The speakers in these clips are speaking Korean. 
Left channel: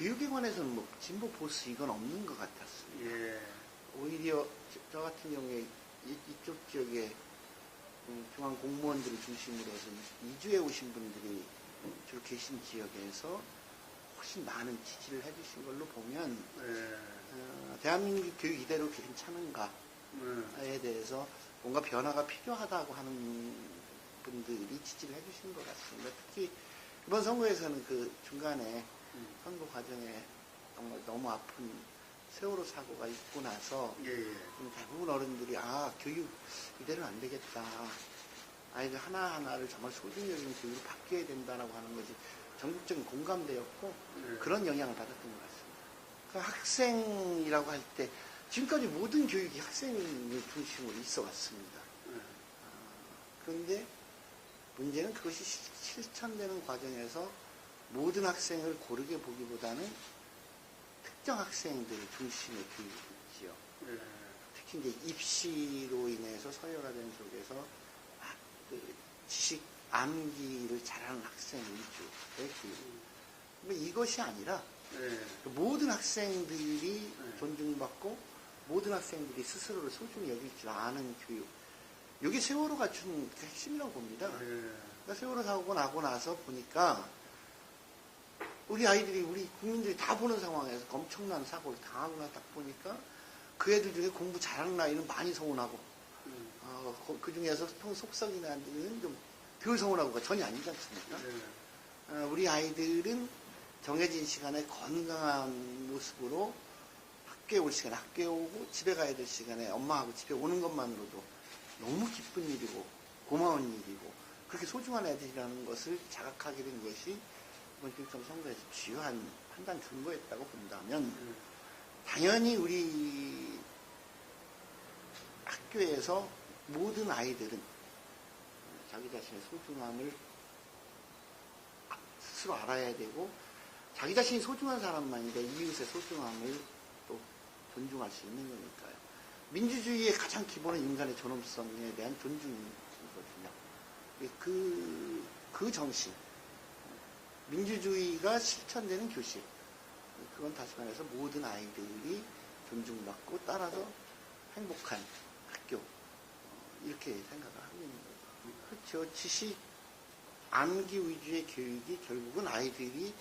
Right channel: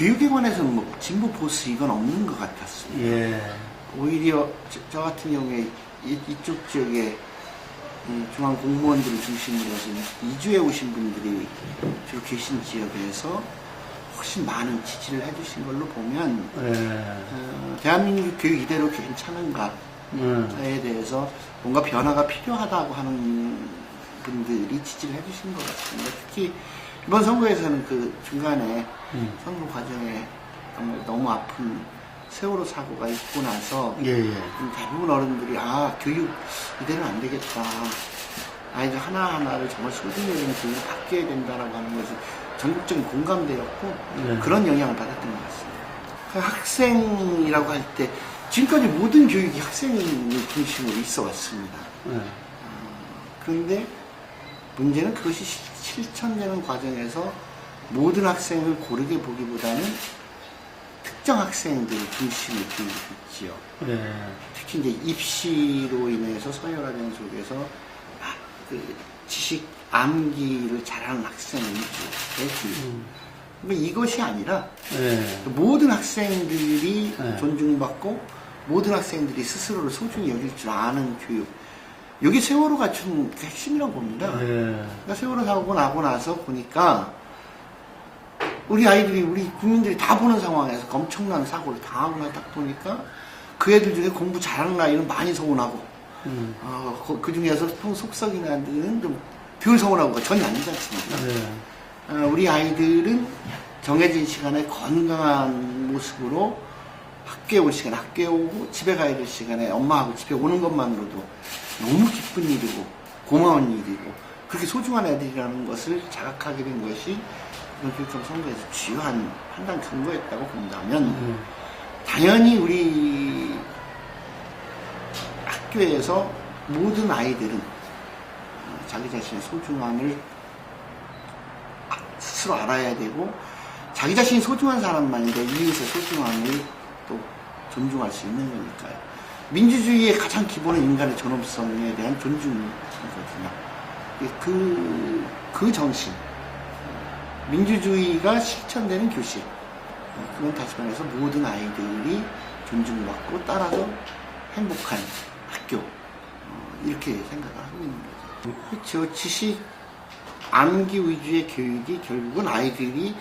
교육에 관해서는 뭐 진보 보수 이건 없는 것 같았습니다. 예. 오히려 저 같은 경우에 이쪽 지역에 중앙 공무원들을 중심으로 해서 이주해 오신 분들이 주로 계신 지역에서 훨씬 많은 지지를 해주신 걸로 보면 예. 대한민국 교육 이대로 괜찮은가에 대해서 뭔가 변화가 필요하다고 하는 분들이 지지를 해주신 것 같습니다. 특히 이번 선거에서는 그 중간에 선거 과정에 정말 너무 아픈 세월호 사고가 있고 나서 예, 예. 대부분 어른들이 교육 이대로 안 되겠다. 아이들 하나하나를 정말 소중히 여기는 교육을 바뀌어야 된다라고 하는 것이 전국적인 공감대였고 그런 영향을 받았던 것 같습니다. 그 학생이라고 할 때 지금까지 모든 교육이 학생을 중심으로 있어 왔습니다. 그런데 문제는 그것이 실천되는 과정에서 모든 학생을 고르게 보기보다는 특정 학생들을 중심으로 교육했지요. 특히 이제 입시로 인해서 서열화된 속에서 그 지식 암기를 잘하는 학생 위주의 교육. 이것이 아니라 모든 학생들이 존중받고 모든 학생들이 스스로를 소중히 여길 줄 아는 교육. 여기 세월호가 좀 핵심이라고 봅니다. 그러니까 세월호 사고 나고 나서 보니까 우리 아이들이, 우리 국민들이 다 보는 상황에서 엄청난 사고를 당하고 나딱 보니까 그 애들 중에 공부 잘하는 아이는 많이 서운하고, 그 중에서 속썩이는 아이들은 좀 덜 서운하고 전혀 아니지 않습니까? 우리 아이들은 정해진 시간에 건강한 모습으로 학교에 올 시간에 학교에 오고 집에 가야 될 시간에 엄마하고 집에 오는 것만으로도 너무 기쁜 일이고 고마운 일이고 그렇게 소중한 애들이라는 것을 자각하게 된 것이 이번 교육감 선거에서 주요한 판단 근거였다고 본다면 당연히 우리 학교에서 모든 아이들은 자기 자신의 소중함을 스스로 알아야 되고 자기 자신이 소중한 사람만인데 이웃의 소중함을 또 존중할 수 있는 거니까요. 민주주의의 가장 기본은 인간의 존엄성에 대한 존중이거든요. 그 정신, 민주주의가 실천되는 교실, 그건 다시 말해서 모든 아이들이 존중받고 따라서 행복한 학교, 이렇게 생각을 하고 있는 거죠. 그렇죠. 지식 암기 위주의 교육이 결국은 아이들이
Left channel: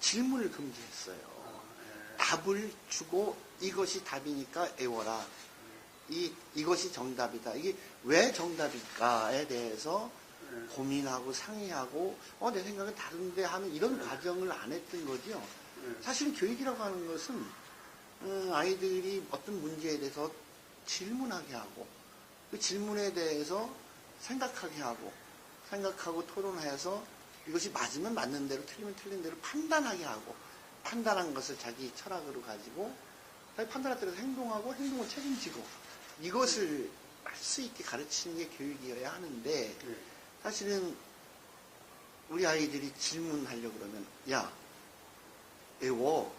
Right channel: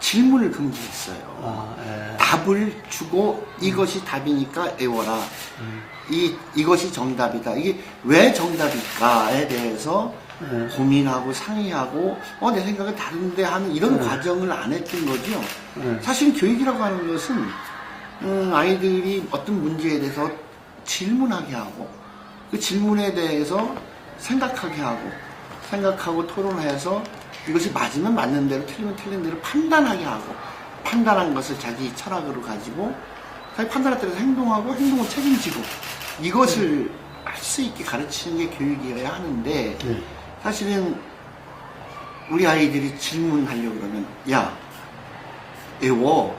질문을 금지했어요. 답을 주고 이것이 답이니까 외워라. 이것이 정답이다. 이게 왜 정답일까에 대해서 고민하고 상의하고 내 생각은 다른데 하는 이런 과정을 안 했던 거죠. 사실 교육이라고 하는 것은 아이들이 어떤 문제에 대해서 질문하게 하고 그 질문에 대해서 생각하고 토론해서 이것이 맞으면 맞는 대로 틀리면 틀린 대로 판단하게 하고 판단한 것을 자기 철학으로 가지고 자기 판단에 따라서 행동하고 행동을 책임지고 이것을 할 수 있게 가르치는 게 교육이어야 하는데 사실은 우리 아이들이 질문하려고 그러면 야 외워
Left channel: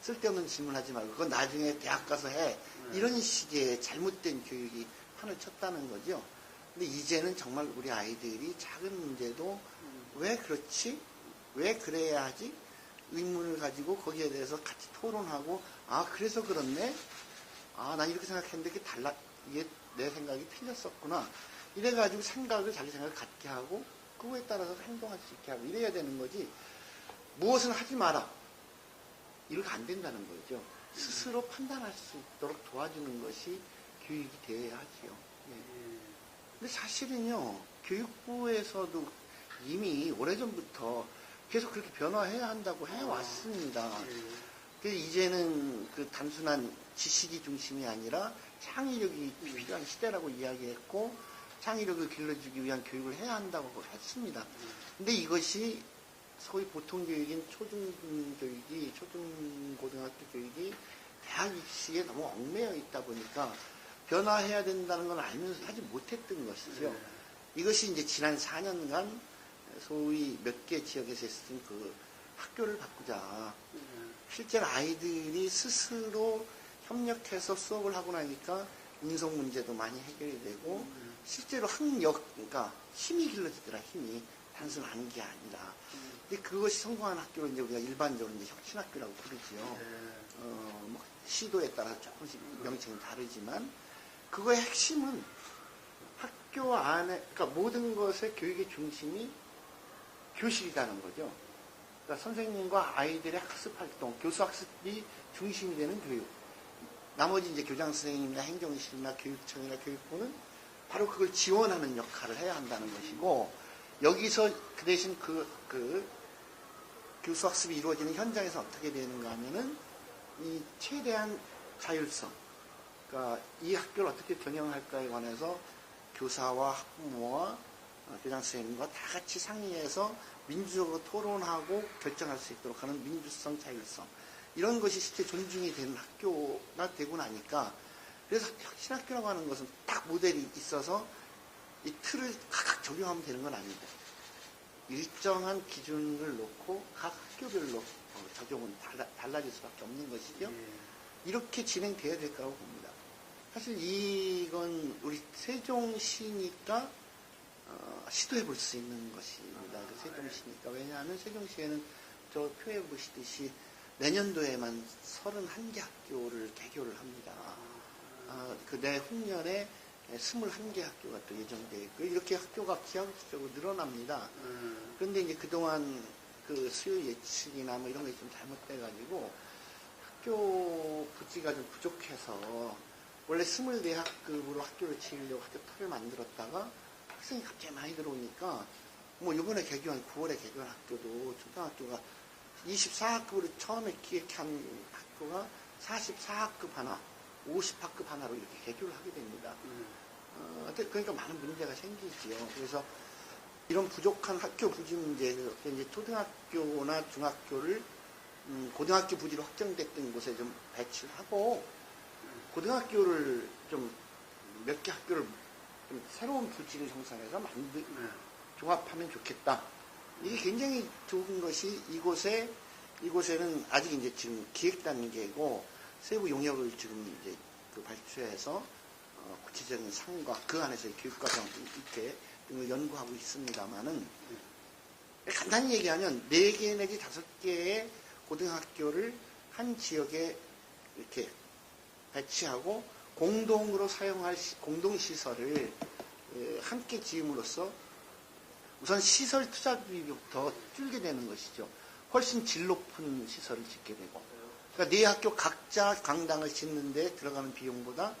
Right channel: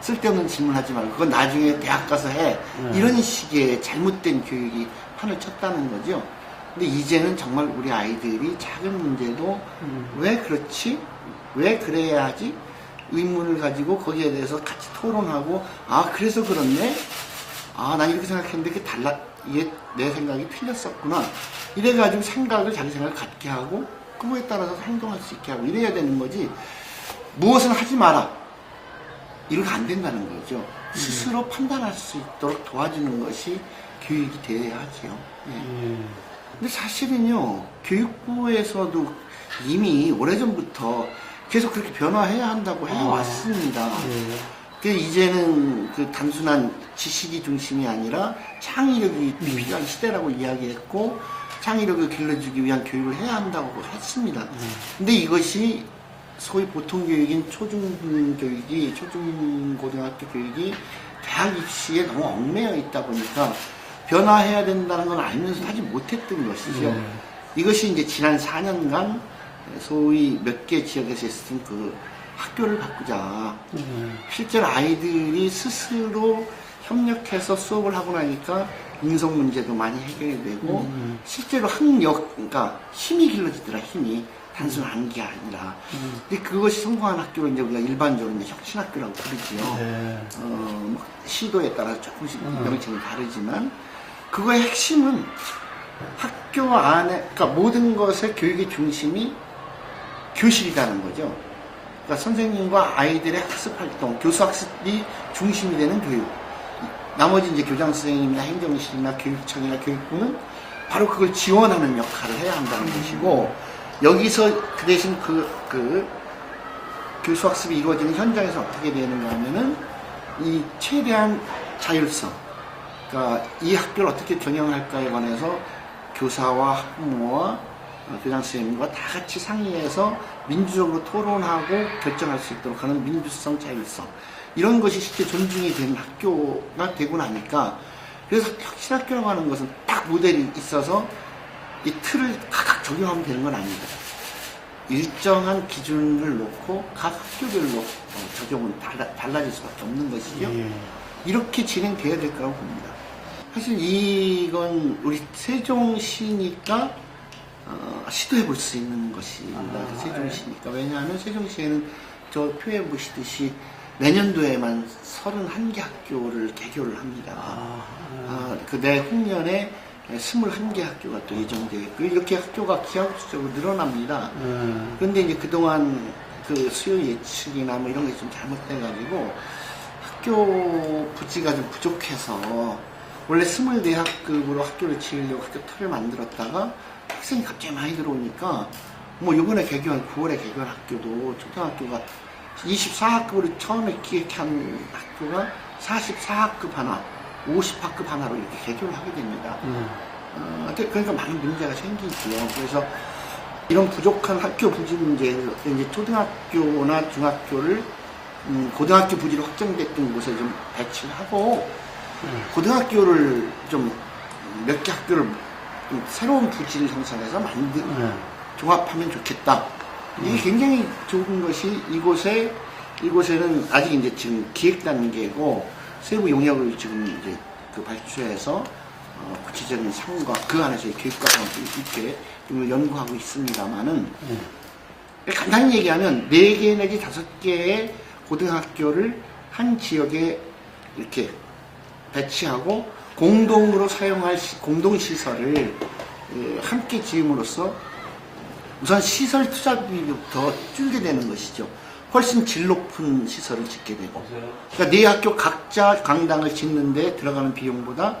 쓸데없는 질문하지 말고 그건 나중에 대학 가서 해 이런 식의 잘못된 교육이 판을 쳤다는 거죠. 근데 이제는 정말 우리 아이들이 작은 문제도 왜 그렇지? 왜 그래야 하지? 의문을 가지고 거기에 대해서 같이 토론하고 그래서 그렇네? 난 이렇게 생각했는데 이게 내 생각이 틀렸었구나. 이래가지고 자기 생각을 갖게 하고 그거에 따라서 행동할 수 있게 하고 이래야 되는 거지. 무엇을 하지 마라. 이렇게 안 된다는 거죠. 스스로 판단할 수 있도록 도와주는 것이 교육이 되어야 하죠. 근데 사실은요, 교육부에서도 이미 오래전부터 계속 그렇게 변화해야 한다고 해왔습니다. 이제는 그 단순한 지식이 중심이 아니라 창의력이 필요한 시대라고 이야기했고, 창의력을 길러주기 위한 교육을 해야 한다고 했습니다. 근데 이것이 소위 보통 교육인 초중교육이, 초중고등학교 교육이 대학 입시에 너무 얽매여 있다 보니까 변화해야 된다는 건 알면서 하지 못했던 것이죠. 이것이 이제 지난 4년간 소위 몇 개 지역에서 했던 그 학교를 바꾸자. 실제로 아이들이 스스로 협력해서 수업을 하고 나니까 인성 문제도 많이 해결되고 실제로 그러니까 힘이 길러지더라, 힘이. 단순 암기가 아니라. 근데 그것이 성공한 학교를 이제 우리가 일반적으로 이제 혁신학교라고 부르지요. 네. 뭐 시도에 따라 조금씩 명칭이 다르지만 그거의 핵심은 학교 안에, 그러니까 모든 것의 교육의 중심이 교실이라는 거죠. 그러니까 선생님과 아이들의 학습 활동, 교수 학습이 중심이 되는 교육. 나머지 이제 교장 선생님이나 행정실이나 교육청이나 교육부는 바로 그걸 지원하는 역할을 해야 한다는 것이고, 여기서 그 대신 그 교수 학습이 이루어지는 현장에서 어떻게 되는가 하면은 이 최대한 자율성, 그러니까 이 학교를 어떻게 경영할까에 관해서 교사와 학부모와 교장 선생님과 다 같이 상의해서 민주적으로 토론하고 결정할 수 있도록 하는 민주성, 자율성, 이런 것이 실제 존중이 되는 학교가 되고 나니까, 그래서 혁신학교라고 하는 것은 딱 모델이 있어서 이 틀을 각각 적용하면 되는 건 아닙니다. 일정한 기준을 놓고 각 학교별로 적용은 달라질 수밖에 없는 것이죠. 이렇게 진행돼야 될 거라고 봅니다. 사실 이건 우리 세종시니까 시도해 볼 수 있는 것입니다. 세종시니까. 왜냐하면 세종시에는 저 표에 보시듯이 내년도에만 31개 학교를 개교를 합니다. 그 내후년에 21개 학교가 또 예정되어 있고, 이렇게 학교가 기하급수적으로 늘어납니다. 그런데 이제 그동안 그 수요 예측이나 뭐 이런 게 좀 잘못돼가지고 학교 부지가 좀 부족해서 원래 24학급으로 학교를 지으려고 학교 틀을 만들었다가 학생이 갑자기 많이 들어오니까 뭐 요번에 개교한 9월에 개교한 학교도 초등학교가 24학급으로 처음에 기획한 학교가 44학급 하나, 50학급 하나로 이렇게 개교를 하게 됩니다. 그러니까 많은 문제가 생기지요. 그래서 이런 부족한 학교 부지 문제에서 이제 초등학교나 중학교를 고등학교 부지로 확정됐던 곳에 좀 배치를 하고, 고등학교를 좀 몇 개 학교를 좀 새로운 부지를 형성해서 종합하면 좋겠다. 이게 굉장히 좋은 것이, 이곳에는 아직 이제 지금 기획 단계고 세부 용역을 지금 이제 그 발주해서 구체적인 상과 그 안에서의 교육과정을 이렇게 연구하고 있습니다만은, 간단히 얘기하면 4개 내지 5개의 고등학교를 한 지역에 이렇게 배치하고 공동으로 사용할 공동시설을 함께 지음으로써 우선 시설 투자비부터 줄게 되는 것이죠. 훨씬 질 높은 시설을 짓게 되고, 그러니까 네 학교 각자 강당을 짓는데 들어가는 비용보다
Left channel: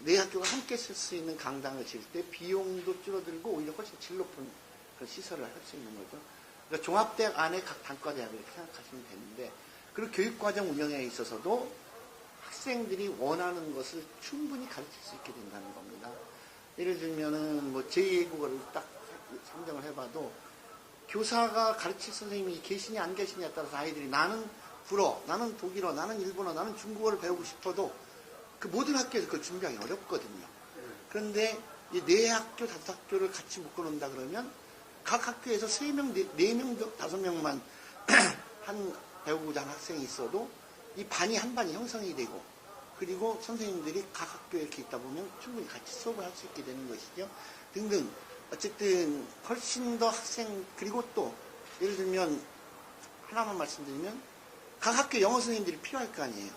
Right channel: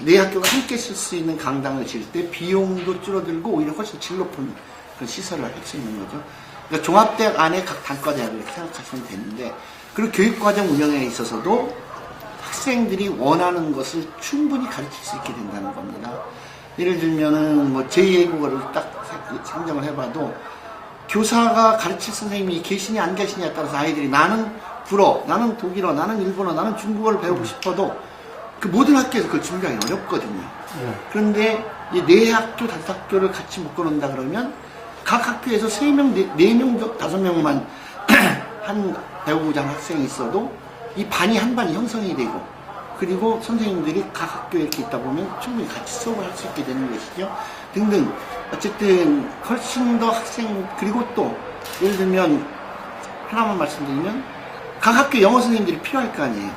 네 학교가 함께 쓸 수 있는 강당을 지을 때 비용도 줄어들고 오히려 훨씬 질 높은 그런 시설을 할 수 있는 거죠. 그러니까 종합대학 안에 각 단과대학을 이렇게 생각하시면 되는데, 그리고 교육과정 운영에 있어서도 학생들이 원하는 것을 충분히 가르칠 수 있게 된다는 겁니다. 예를 들면은 뭐 제2외국어를 딱 상정을 해봐도 교사가 가르칠 선생님이 계시냐 안 계시냐에 따라서 아이들이 나는 불어, 나는 독일어, 나는 일본어, 나는 중국어를 배우고 싶어도 그 모든 학교에서 그걸 준비하기 어렵거든요. 그런데 이 4학교, 5학교를 같이 묶어놓는다 그러면 각 학교에서 3명, 4명, 5명만 한 배우고자 하는 학생이 있어도 이 반이 한 반이 형성이 되고, 그리고 선생님들이 각 학교에 이렇게 있다 보면 충분히 같이 수업을 할 수 있게 되는 것이죠. 등등. 어쨌든 훨씬 더 학생, 그리고 또 예를 들면 하나만 말씀드리면 각 학교 영어 선생님들이 필요할 거 아니에요.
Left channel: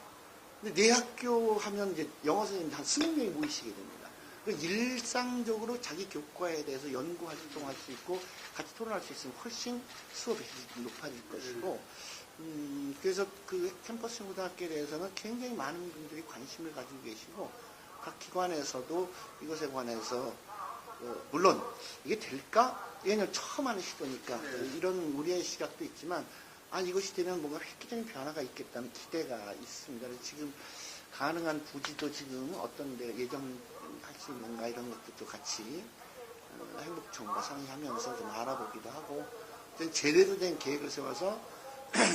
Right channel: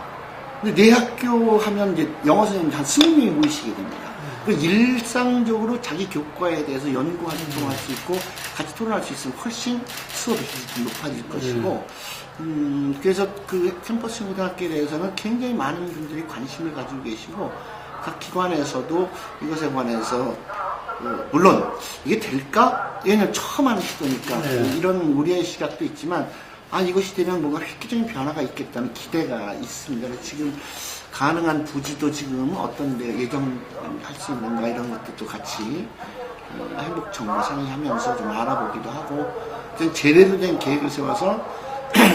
근데 네 학교 하면 이제 영어 선생님 한 20명이 모이시게 됩니다. 일상적으로 자기 교과에 대해서 연구 활동할 수 있고 같이 토론할 수 있으면 훨씬 수업의 질이 높아질 것이고, 그래서 그 캠퍼스 고등학교에 대해서는 굉장히 많은 분들이 관심을 가지고 계시고, 각 기관에서도 이것에 관해서 물론 이게 될까? 얘는 처음 하는 시도니까 이런 우려의 시각도 있지만, 이것이 되면 뭔가 획기적인 변화가 있겠다는 기대가 있습니다. 지금 가능한 부지도 지금 어떤 데 예정할 수 있는가 이런 것들도 같이 행복청과 상의하면서 좀 알아보기도 하고, 제대로 된 계획을 세워서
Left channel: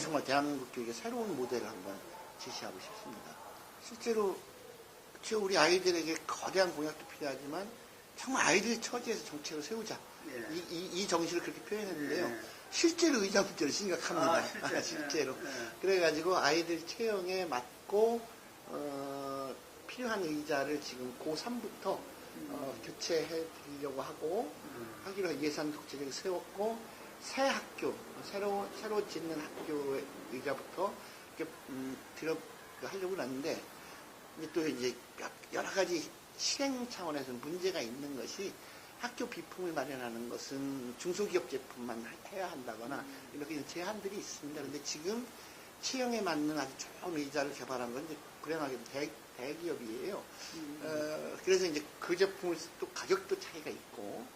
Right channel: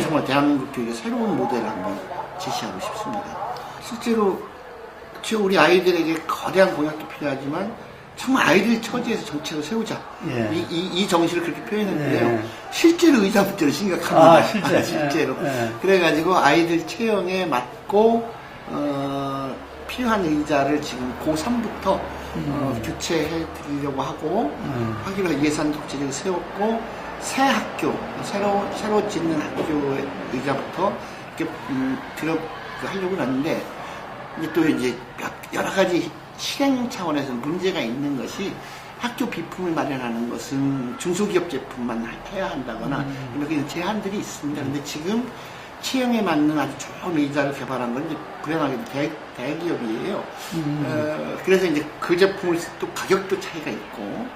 정말 대한민국 교육의 새로운 모델을 한번 제시하고 싶습니다. 실제로 우리 아이들에게 거대한 공약도 필요하지만 정말 아이들 처지에서 정책을 세우자. 이 정신을 그렇게 표현했는데요. 실제로 의자 문제는 심각합니다. 실제로. 그래가지고 아이들 체형에 맞고 필요한 의자를 지금 고3부터 교체해 드리려고 하고 하기로 예산 독재를 세웠고 새 학교, 새로 짓는 학교의 의자부터 이렇게 하려고 하는데 또 이제 여러 가지 실행 차원에서 문제가 있는 것이 학교 비품을 마련하는 것은 중소기업 제품만 해야 한다거나 이렇게 제한들이 있습니다. 근데 지금 취향에 맞는 아주 좋은 의자를 개발한 건 이제 불행하게도 대기업이에요. 그래서 이제 그 제품을 또 가격도 차이가 있고,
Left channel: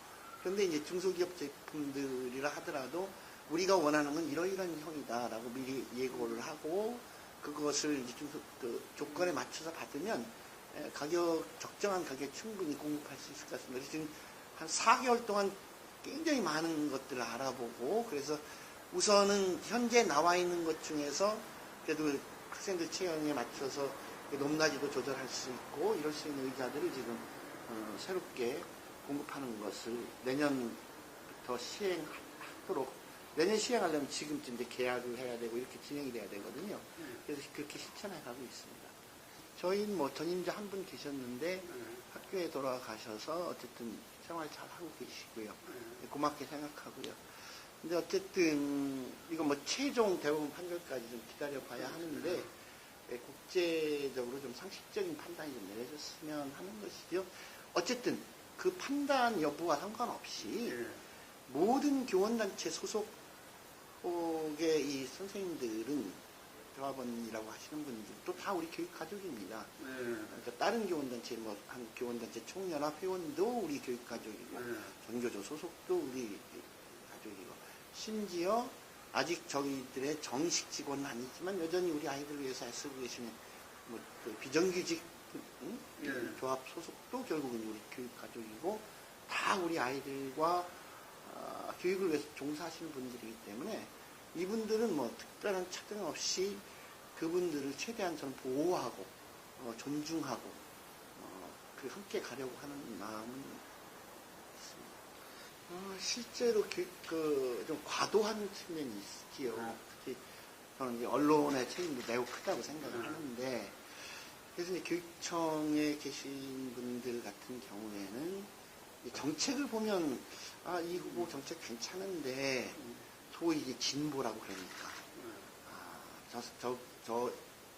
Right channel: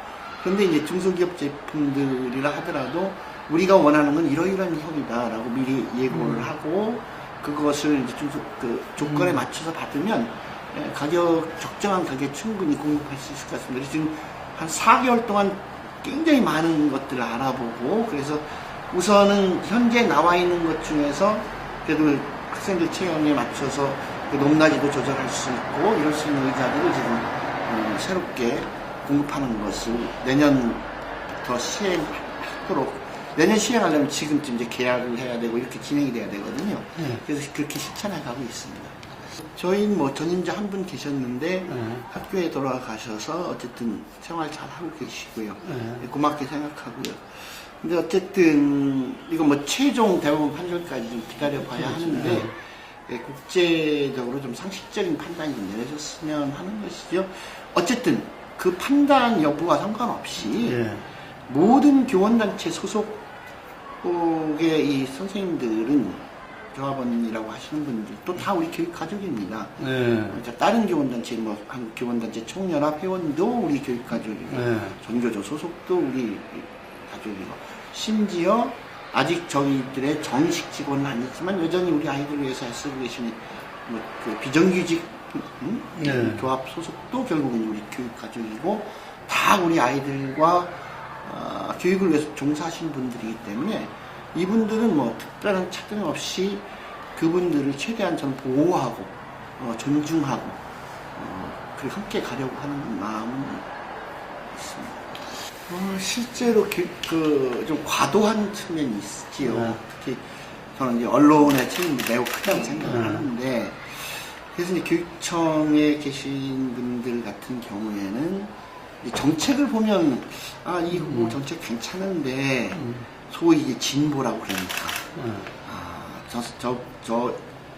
그런데 이제 중소기업 제품들이라 하더라도 우리가 원하는 건 이러이러한 형이다라고 미리 예고를 하고 그것을 이제 그 조건에 맞춰서 받으면 적정한 가격에 충분히 공급할 수 있을 것 같습니다. 지금 한 4개월 동안 굉장히 많은 것들을 알아보고, 그래서 우선은 현재 나와 있는 것 중에서 그래도 학생들 체형에 맞춰서 그 높낮이도 조절할 수 있고 이럴 수 있는 의자들을 지금 새롭게 공급하는 것을 내년부터 시행하도록, 내년 시행하려면 지금쯤 이제 계약을 해야 되고 이렇게 진행이 돼야 되거든요. 그래서 그렇게 실천해 가고 있습니다. 저희는 뭐 전임자 한 분 계셨는데 학교에 돌아가셔서 어쨌든 생활 잘 하고 계시고요. 고맙게 생각하고요. 근데 어쨌든 이거 뭐 최종 대법원 판결까지 좀 기다려봐야 하는데 국제적으로 좀 상식적인 판단이 좀 내려졌으면 하는 것이죠. 어쨌든 그 판단 여부와 상관없이 모든 교원단체 소속의 이 선생님들은 조합원이라고 하시는 분들도 다 우리 교육 가족입니다. 다른 교원단체, 뭐 한국교원단체 총연합 회원도 우리 교육 가족이고, 전교조 소속도 우리 가족이고, 심지어 아직 저희들의 정식 직원은 아니지만 여전히 우리 아이들 위해서 애쓰고 계시는 그 비정규직 교합 소속도 결국은 우리 교육 가족이고, 다 우리 아이들과 교육을 위해서 종사하시는 분들이기 때문에 이분들은 뭐 특별한 차등 없이 그분들을 최대한 전 보호하고 존중하고 그리고 함께 가려고 하는 마음은 있습니다. 실제로 좀 과도한 측면이 있지요. 특히 저는 이제 언론의 책임이 매우 크다고 생각을 하는데, 그래서 이제 교육청에 계신 분들 같은 경우에는 정책을 보면 이 후보 정책 괜찮은데 소위 이제 진보라고 그러니까 저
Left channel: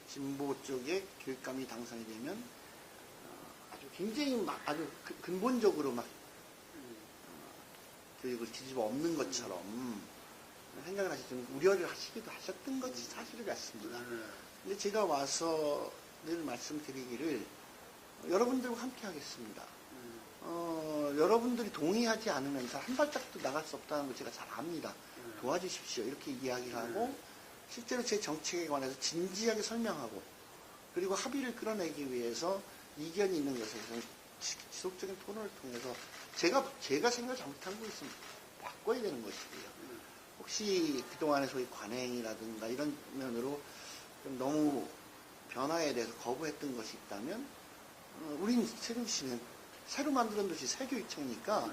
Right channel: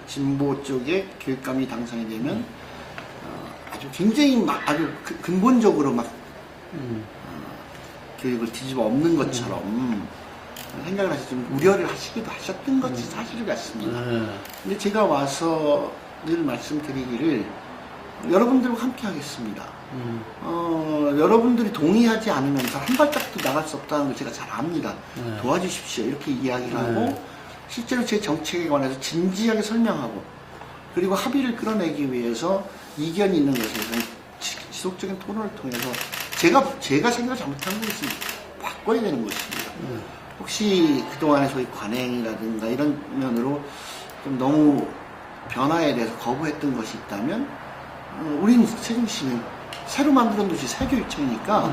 진보 쪽에 교육감이 당선이 되면 아주 굉장히 아주 근본적으로 교육을 뒤집어 엎는 것처럼 생각을 하셔서 좀 우려를 하시기도 하셨던 것이 사실 같습니다. 근데 제가 와서 늘 말씀드리기를 여러분들과 함께 하겠습니다. 여러분들이 동의하지 않으면서 한 발짝도 나갈 수 없다는 걸 제가 잘 압니다. 도와주십시오. 이렇게 이야기를 하고, 실제로 제 정책에 관해서 진지하게 설명하고, 그리고 합의를 끌어내기 위해서 이견이 있는 것에 대해서 지속적인 토론을 통해서 제가 생각을 잘못한 것을 바꿔야 되는 것입니다. 혹시 그동안의 소위 관행이라든가 이런 면으로 좀 너무 변화에 대해서 거부했던 것이 있다면, 우리는 세종시는 새로 만들어 놓으신 새교육청이니까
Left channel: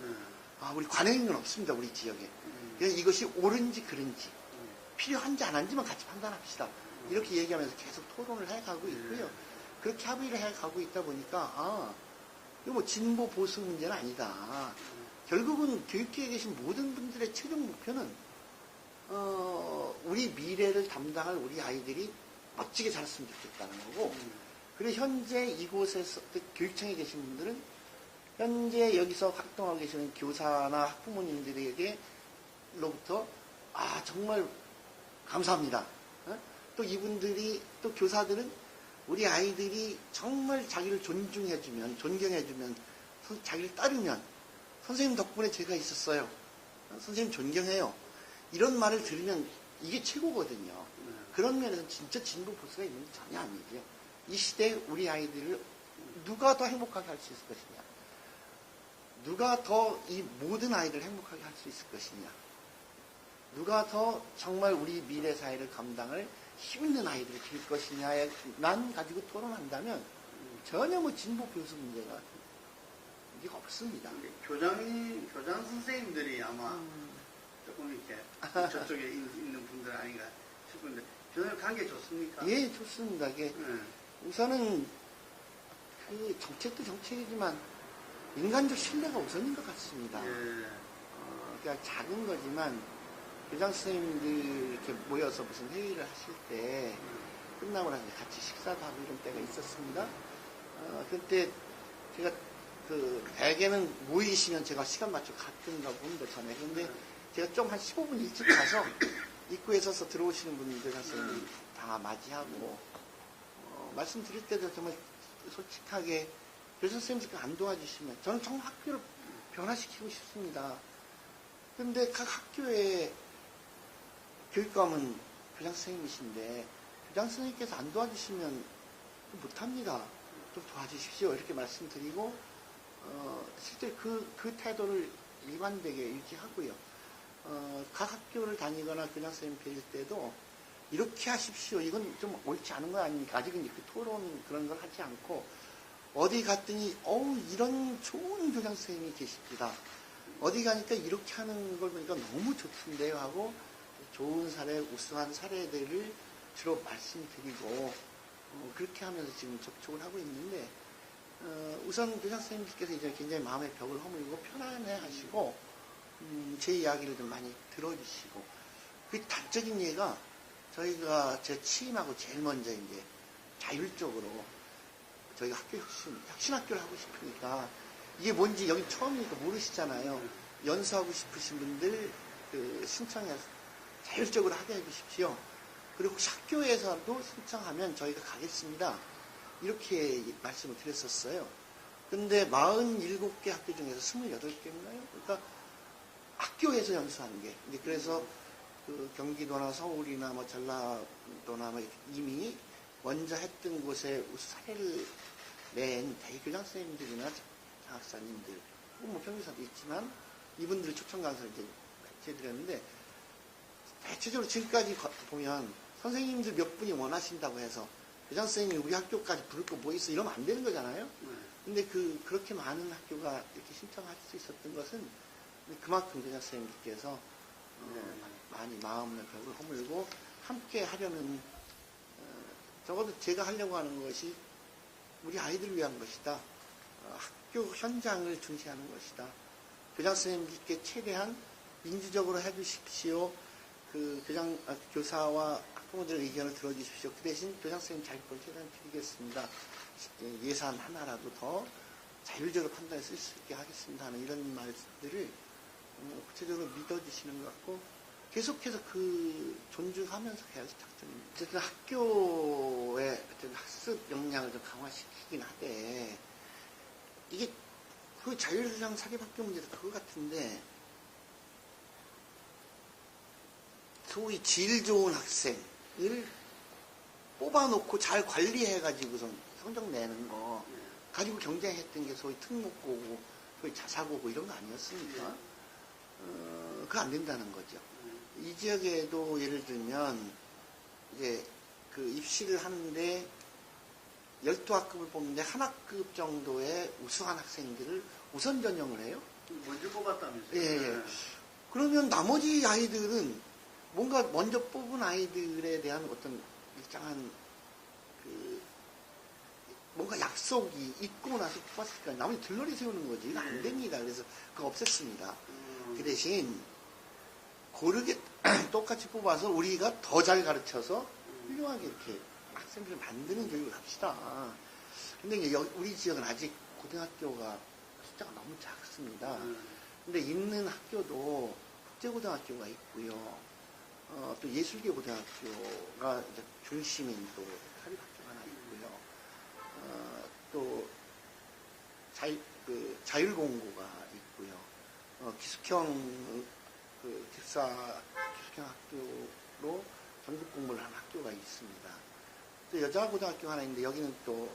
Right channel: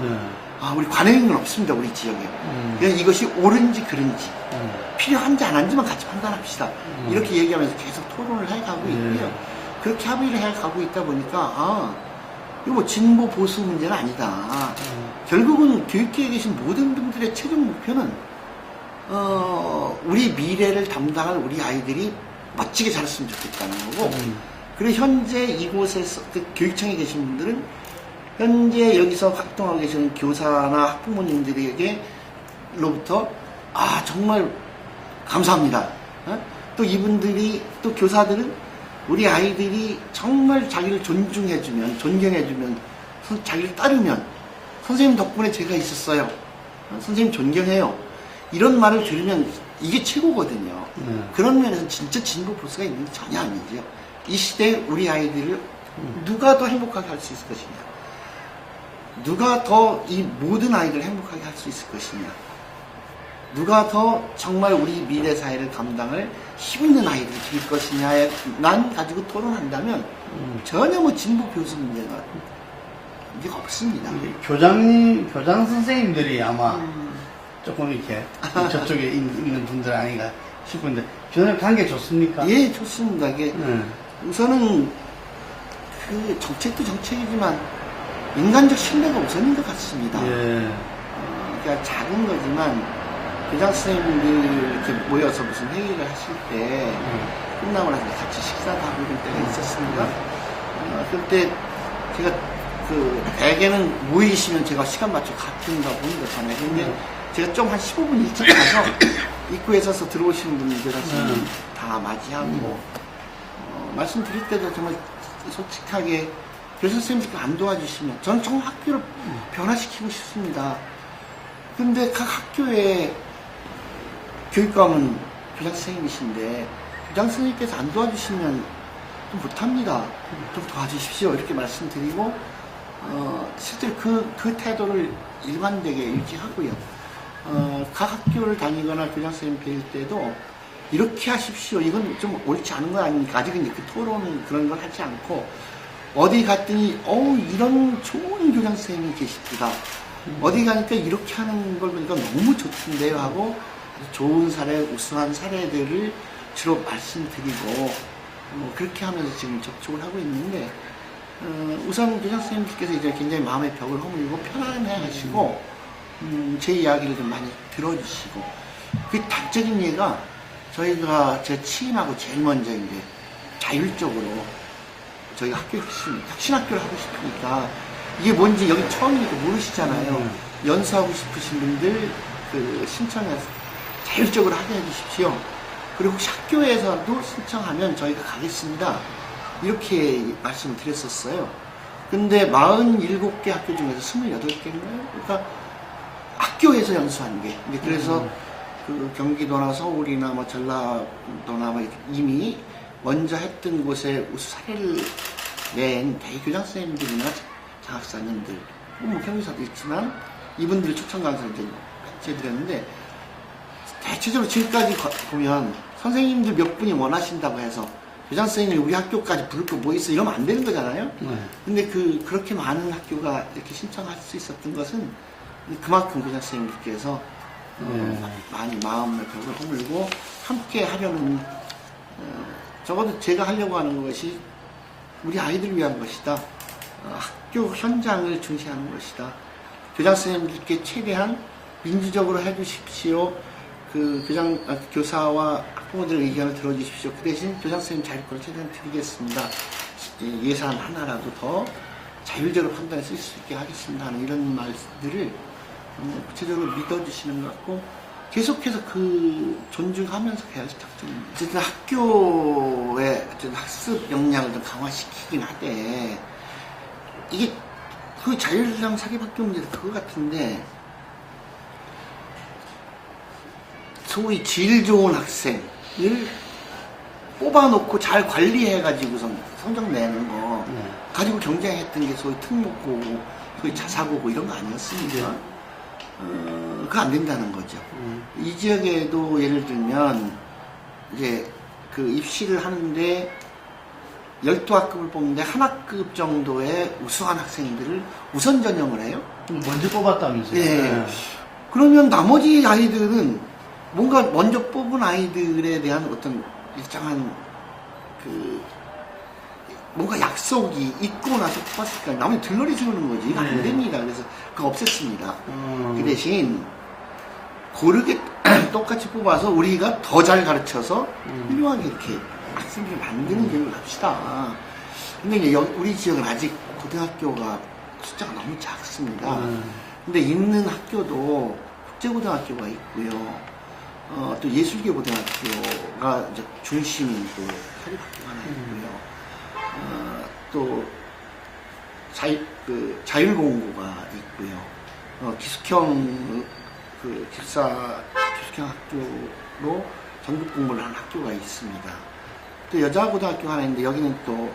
우리 관행인 건 없습니다. 우리 지역에. 그냥 이것이 옳은지 그른지 필요한지 안 한지만 같이 판단합시다. 이렇게 얘기하면서 계속 토론을 해가고 있고요. 그렇게 합의를 해가고 있다 보니까 이거 뭐 진보 보수 문제는 아니다. 결국은 교육계에 계신 모든 분들의 최종 목표는 우리 미래를 담당할 우리 아이들이 멋지게 자랐으면 좋겠다는 거고, 그리고 현재 이곳에서 교육청에 계신 분들은 현재 여기서 활동하고 계시는 교사나 학부모님들에게로부터 정말 감사합니다. 또 이분들이, 또 교사들은 우리 아이들이 정말 자기를 존중해주면, 존경해주면, 자기를 따르면 선생님 덕분에 제가 있었어요. 선생님 존경해요. 이런 말을 들으면 이게 최고거든요. 그런 면에서 진짜 진보 보수가 있는 게 전혀 아니죠. 이 시대에 우리 아이들을 누가 더 행복하게 할 수 있을 것이냐, 누가 더 이 모든 아이들을 행복하게 할 수 있을 것이냐, 누가 더 정말 우리 미래 사회를 감당할 힘있는 아이들을 키울 것이냐만 가지고 토론한다면 전혀 뭐 진보 교수 문제가 없습니다. 교장 선생님들이 아마 조금 이렇게 저쪽에 있는 분들 아닌가 싶은데, 교장님 관계 좋습니까? 예, 좋습니다. 이게 우선은 그 정책도 정책이지만 인간적 신뢰가 우선인 것 같습니다. 예. 그러니까 작은 거지만 교장 선생님들 이렇게 모여서 무슨 회의를 하실 때 끝나고 나서 같이 식사도 하고 이런 때가 있었습니다. 그때 제가 대개는 모이시면 제가 시간 맞춰 가든가 보는 거잖아요. 근데 제가 좀 한 15분 일찍 가서 입구에 서서 들어오시는 분들한테는 다 맞이하고 말씀드릴 때도 정말 솔직하게 교사 선생님들 안 도와주시면 저는 정말 학교를 변화시키고 싶습니다. 근데 각 학교에 교육감은 교장 선생님이신데 교장 선생님께서 안 도와주시면 좀 못합니다. 좀 도와주십시오. 이렇게 말씀드리고 실제로 그 태도를 일관되게 유지하고요. 각 학교를 다니거나 교장 선생님 뵐 때도 이렇게 하십시오. 이건 좀 옳지 않은 거 아닙니까? 아직은 그 토론 그런 걸 하지 않고 어디 갔더니 이런 좋은 교장 선생님이 계십니다. 어디 가니까 이렇게 하는 걸 보니까 너무 좋던데요 하고 좋은 사례, 우수한 사례들을 주로 말씀드리고 그렇게 하면서 지금 접촉을 하고 있는데 우선 교장 선생님께서 이제 굉장히 마음의 벽을 허물고 편안해 하시고 제 이야기를 좀 많이 들어주시고 그 단적인 예가 저희가 제 취임하고 제일 먼저 이제 자율적으로 저희가 혁신학교를 하고 싶으니까 이게 뭔지 여기 처음이니까 모르시잖아요. 연수하고 싶으신 분들 신청해서 자율적으로 하게 해주십시오. 그리고 혹시 학교에서도 신청하면 저희가 가겠습니다. 이렇게 말씀을 드렸었어요. 근데 47개 학교 중에서 28개인가요? 그러니까 학교에서 연수한 게. 그래서 경기도나 서울이나 뭐 전라도나 이미 먼저 했던 곳에 우수 사례를 낸 대교장 선생님들이나 장학사님들, 뭐 경기사도 있지만 이분들 초청 강사를 이제 해드렸는데 대체적으로 지금까지 보면 선생님들 몇 분이 원하신다고 해서 교장 선생님이 우리 학교까지 부를 거 뭐 있어 이러면 안 되는 거잖아요. 근데 그렇게 많은 학교가 이렇게 신청할 수 있었던 것은 그만큼 교장 선생님들께서 많이 마음의 벽을 허물고 함께 하려는 적어도 제가 하려고 하는 것이 우리 아이들을 위한 것이다. 학교 현장을 중시하는 것이다. 교장 선생님들께 최대한 민주적으로 해주십시오. 교사와 학부모들의 의견을 들어주십시오. 그 대신 교장 선생님 자율권을 최대한 드리겠습니다. 예산 하나라도 더 자율적으로 판단해 쓸 수 있게 하겠습니다. 하는 이런 말들을 구체적으로 믿어주시는 것 같고 계속해서 존중하면서 해야지 작전입니다. 어쨌든 학교의 학습 역량을 좀 강화시키긴 하되 이게 자율형 사립학교 문제도 그거 같은데 소위 질 좋은 학생을 뽑아놓고 잘 관리해가지고 성적 내는 거 가지고 경쟁했던 게 소위 특목고, 소위 자사고고 이런 거 아니었습니까? 그거 안 된다는 거죠. 이 지역에도 예를 들면 이제 입시를 하는데 12학급을 뽑는데 한 학급 정도의 우수한 학생들을 우선 전형을 해요. 먼저 뽑았다면서요? 네. 그러면 나머지 아이들은 뭔가 먼저 뽑은 아이들에 대한 어떤 일정한 뭔가 약속이 있고 나서 뽑았을까 나머지 들러리 세우는 거지. 이거 안 됩니다. 그래서 그거 없앴습니다. 그 대신 고르게 똑같이 뽑아서 우리가 더 잘 가르쳐서 훌륭하게 이렇게 학생들을 만드는 교육을 합시다. 근데 이제 우리 지역은 아직 고등학교가 숫자가 너무 작습니다. 근데 있는 학교도 국제고등학교가 있고요. 또 예술계 고등학교가 이제 중심이고 사립학교가 하나 있고요. 또 자율공고가 있고요. 기숙형 기숙형 학교로 전국 공부를 하는 학교가 있습니다. 또 여자 고등학교가 하나 있는데 여기는 또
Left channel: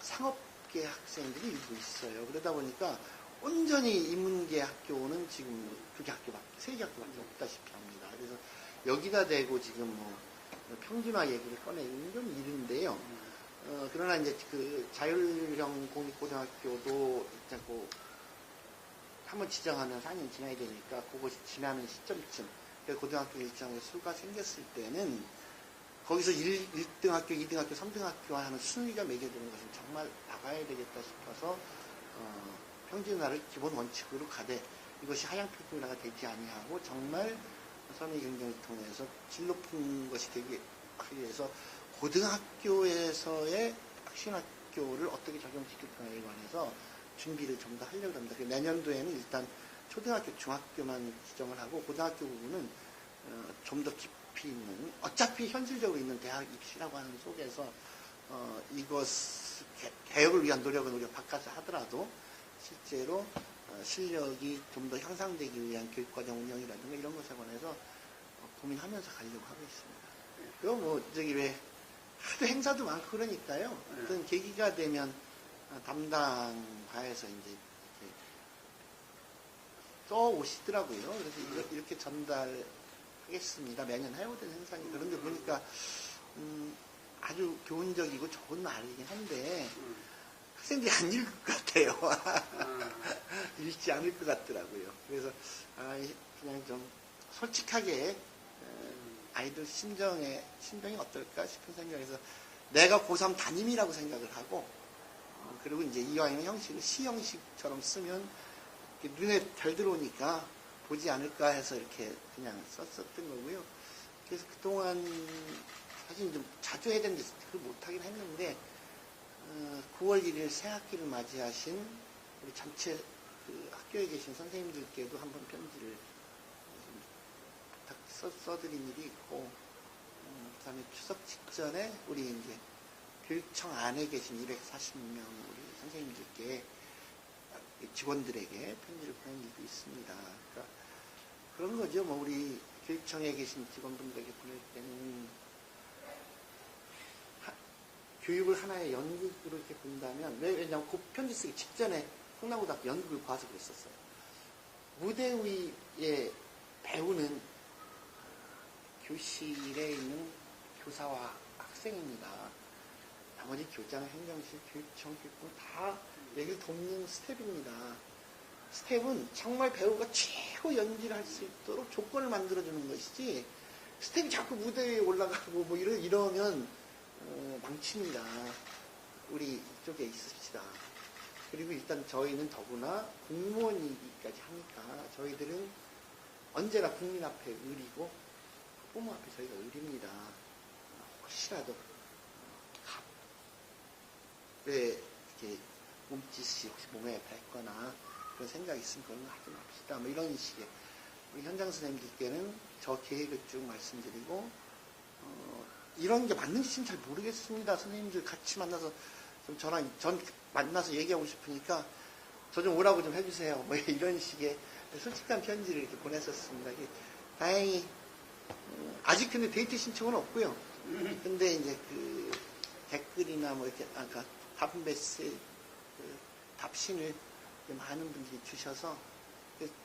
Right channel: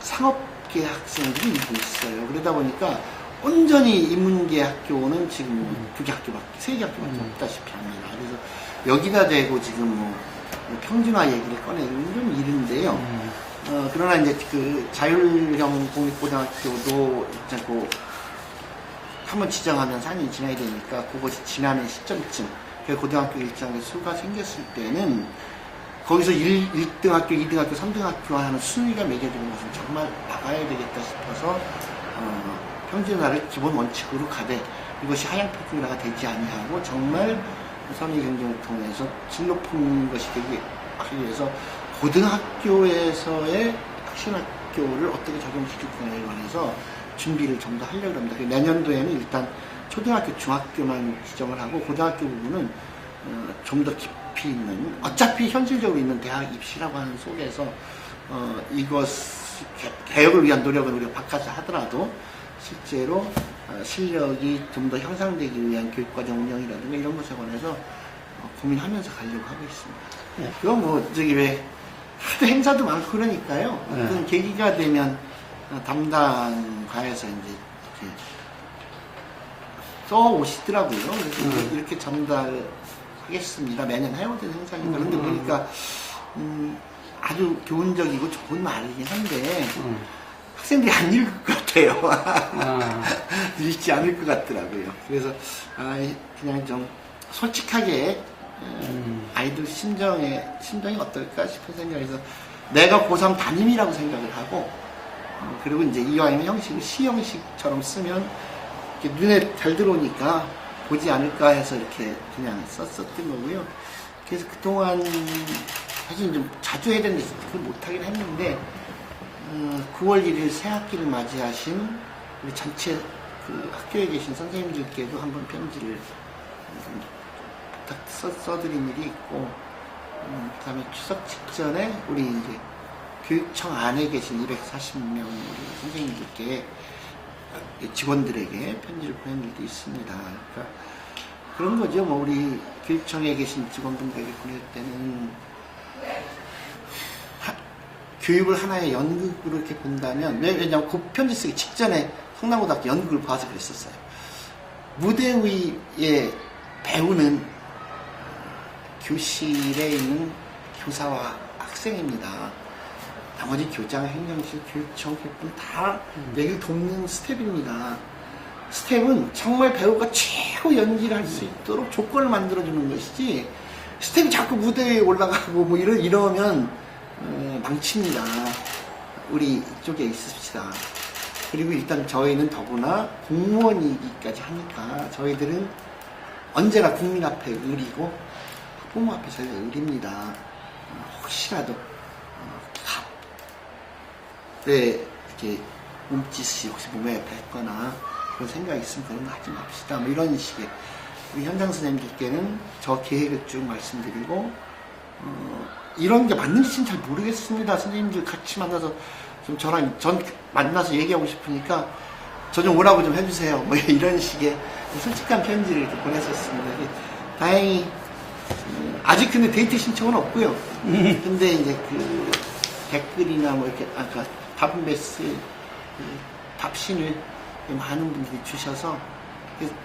상업계 학생들이 있어요. 그러다 보니까 온전히 인문계 학교는 지금 2개 학교밖에, 3개 학교밖에 없다시피 합니다. 그래서 여기다 대고 지금 뭐 평준화 얘기를 꺼내는 좀 이른데요. 그러나 이제 자율형 공립고등학교도 있고 한번 지정하면 4년이 지나야 되니까 그것이 지나는 시점쯤 고등학교 일정에 수가 생겼을 때는 거기서 1등 학교, 2등 학교, 3등 학교 하는 순위가 매겨지는 것은 정말 막아야 되겠다 싶어서 평준화를 기본 원칙으로 가되 이것이 하향 평준화가 되지 아니하고 정말 선의 경쟁을 통해서 질 높은 것이 되기 하기 위해서 고등학교에서의 혁신학교를 어떻게 적용시킬 거냐에 관해서 준비를 좀 더 하려고 합니다. 내년도에는 일단 초등학교, 중학교만 지정을 하고 고등학교 부분은 좀 더 깊이 있는, 어차피 현실적으로 있는 대학 입시라고 하는 속에서 이것 개혁을 위한 노력을 우리가 바깥에 하더라도 실제로 실력이 좀 더 향상되기 위한 교육과정 운영이라든가 이런 것에 관해서 고민하면서 가려고 하고 있습니다. 네. 그건 뭐 저기 왜 하도 행사도 많고 그러니까요. 어떤 네. 계기가 되면 담당과에서 이제 이렇게 써 오시더라고요. 그래서 이렇게 전달하겠습니다. 매년 해오던 행사니까. 그런데 보니까 아주 교훈적이고 좋은 말이긴 한데 학생들이 안 읽을 것 같아요. 읽지 않을 것 같더라고요. 그래서 그냥 좀 솔직하게 아이들 심정이 어떨까 싶은 생각에서 내가 고3 담임이라고 생각을 하고 그리고 이제 이왕이면 형식을 시형식처럼 쓰면 이렇게 눈에 잘 들어오니까 보지 않을까 해서 이렇게 그냥 썼었던 거고요. 그래서 그동안 사실 좀 자주 해야 되는데 그걸 못하긴 했는데 9월 1일 새 학기를 맞이하신 우리 전체 그 학교에 계신 선생님들께도 한번 편지를 써드린 일이 있고 그 다음에 추석 직전에 우리 이제 교육청 안에 계신 240명 선생님들께 직원들에게 편지를 보낸 일도 있습니다. 그러니까 그런 거죠. 뭐 우리 교육청에 계신 직원분들에게 보낼 때는 교육을 하나의 연극으로 이렇게 본다면 왜냐하면 그 편지 쓰기 직전에 성남고등학교 연극을 봐서 그랬었어요. 무대 위에 배우는 교실에 있는 교사와 학생입니다. 나머지 교장, 행정실, 교육청, 교육분 다 내를 돕는 스텝입니다. 스텝은 정말 배우가 최고 연기를 할 수 있도록 조건을 만들어주는 것이지 스텝이 자꾸 무대 위에 올라가고 뭐 이러면 망칩니다. 우리 이쪽에 있읍시다. 그리고 일단 저희는 더구나 공무원이기까지 하니까 저희들은 언제나 국민 앞에 의리고 부모 앞에 저희가 의리입니다. 혹시라도 이렇게 몸짓이 혹시 몸에 뱉거나 그런 생각이 있으면 그런 거 하지 맙시다. 뭐 이런 식의 우리 현장 선생님들께는 저 계획을 쭉 말씀드리고 이런 게 맞는지는 잘 모르겠습니다. 선생님들 같이 만나서 좀 전 만나서 얘기하고 싶으니까 저 좀 오라고 좀 해주세요. 뭐 이런 식의 솔직한 편지를 이렇게 보냈었습니다. 다행히 아직 근데 데이트 신청은 없고요. 근데 이제 그 댓글이나 뭐 이렇게 아까 답은베스 답신을 많은 분들이 주셔서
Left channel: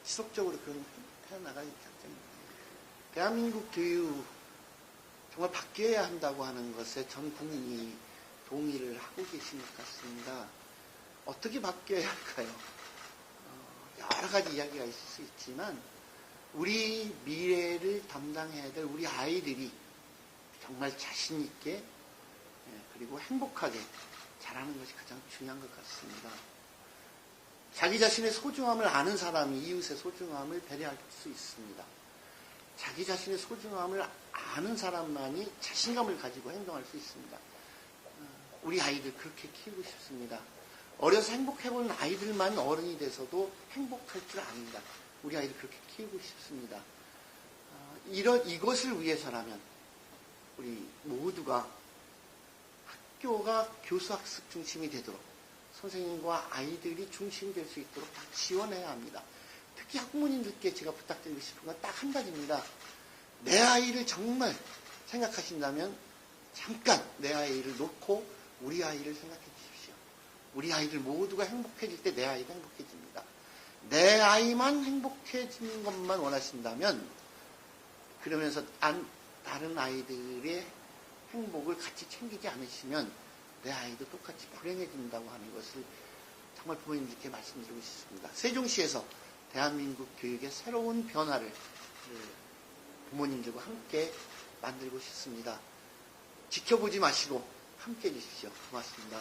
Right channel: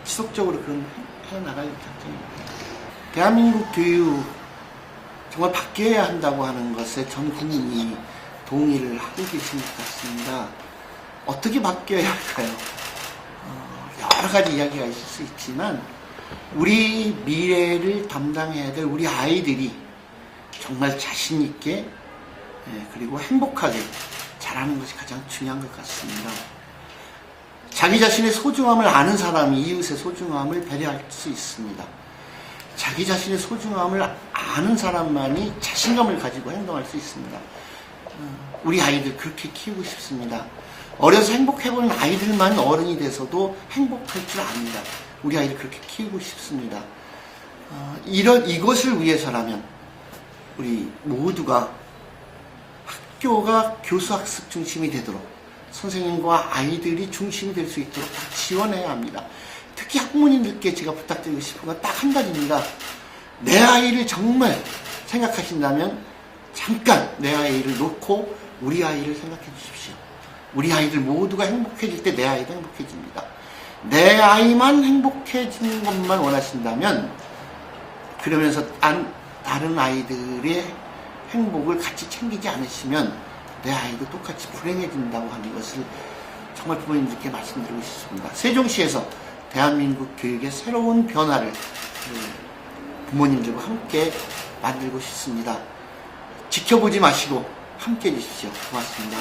지속적으로 그런 해나갈 작정입니다. 대한민국 교육 정말 바뀌어야 한다고 하는 것에 전 국민이 동의를 하고 계신 것 같습니다. 어떻게 바뀌어야 할까요? 여러 가지 이야기가 있을 수 있지만 우리 미래를 담당해야 될 우리 아이들이 정말 자신 있게 그리고 행복하게 자라는 것이 가장 중요한 것 같습니다. 자기 자신의 소중함을 아는 사람이 이웃의 소중함을 배려할 수 있습니다. 자기 자신의 소중함을 아는 사람만이 자신감을 가지고 행동할 수 있습니다. 우리 아이들 그렇게 키우고 싶습니다. 어려서 행복해보는 아이들만 어른이 돼서도 행복할 줄 압니다. 우리 아이를 그렇게 키우고 싶습니다. 이것을 위해서라면 우리 모두가 학교가 교수학습 중심이 되도록 선생님과 아이들이 중심이 될 수 있도록 지원해야 합니다. 특히 학부모님들께 제가 부탁드리고 싶은 건 딱 한 가지입니다. 내 아이를 정말 생각하신다면 잠깐 내 아이를 놓고 우리 아이를 생각해 주십시오. 우리 아이들 모두가 행복해질 때 내 아이도 행복해집니다. 내 아이만 행복해지는 것만 원하신다면 그러면서 다른 아이들의 행복을 같이 챙기지 않으시면 내 아이도 똑같이 불행해진다고 하는 것을 정말 부모님들께 말씀드리고 싶습니다. 세종시에서 대한민국 교육의 새로운 변화를 부모님들과 함께 만들고 싶습니다. 지켜보지 마시고 함께 해주십시오. 고맙습니다.